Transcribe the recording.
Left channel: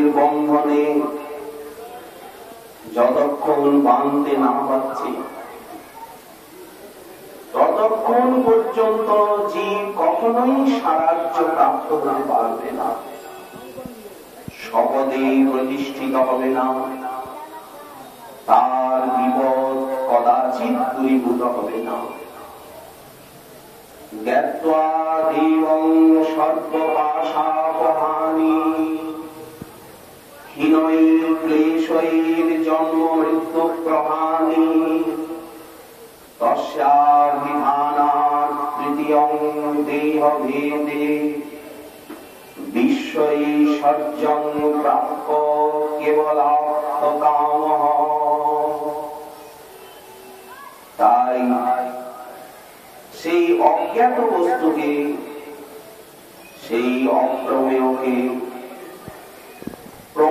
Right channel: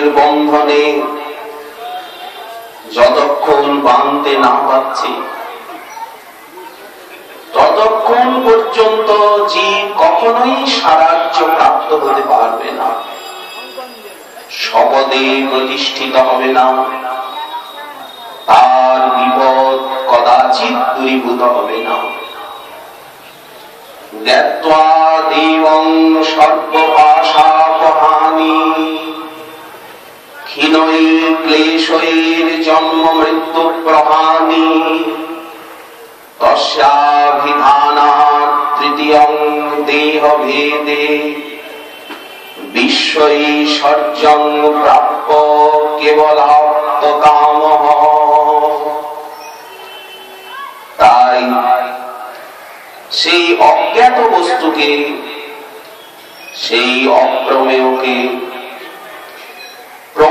কর্মের বন্ধনে যতক্ষণ বাঁধতে না পারছি, ততক্ষণ পর্যন্ত জীব কখনোই সারাজ্য প্রাপ্ত হতে পারবে না, শপথে প্রতিষ্ঠিত হবে না, তার বিপদ কদাচিৎ দূরীভূত হবে না। জ্ঞাত্বা দেবং সর্বপাশাপহানি ক্ষীণৈর ক্লেশৈর জন্ম মৃত্যু প্রহানি তস্যাভিধানাৎ তৃতীয়ং দেহভেদে বিশ্বৈশ্বর্যং প্রাপ্য কেবলাপ্তকামঃ। তাই সেই অজ্ঞাত বস্তুকে, সেই অপ্রমেয়কে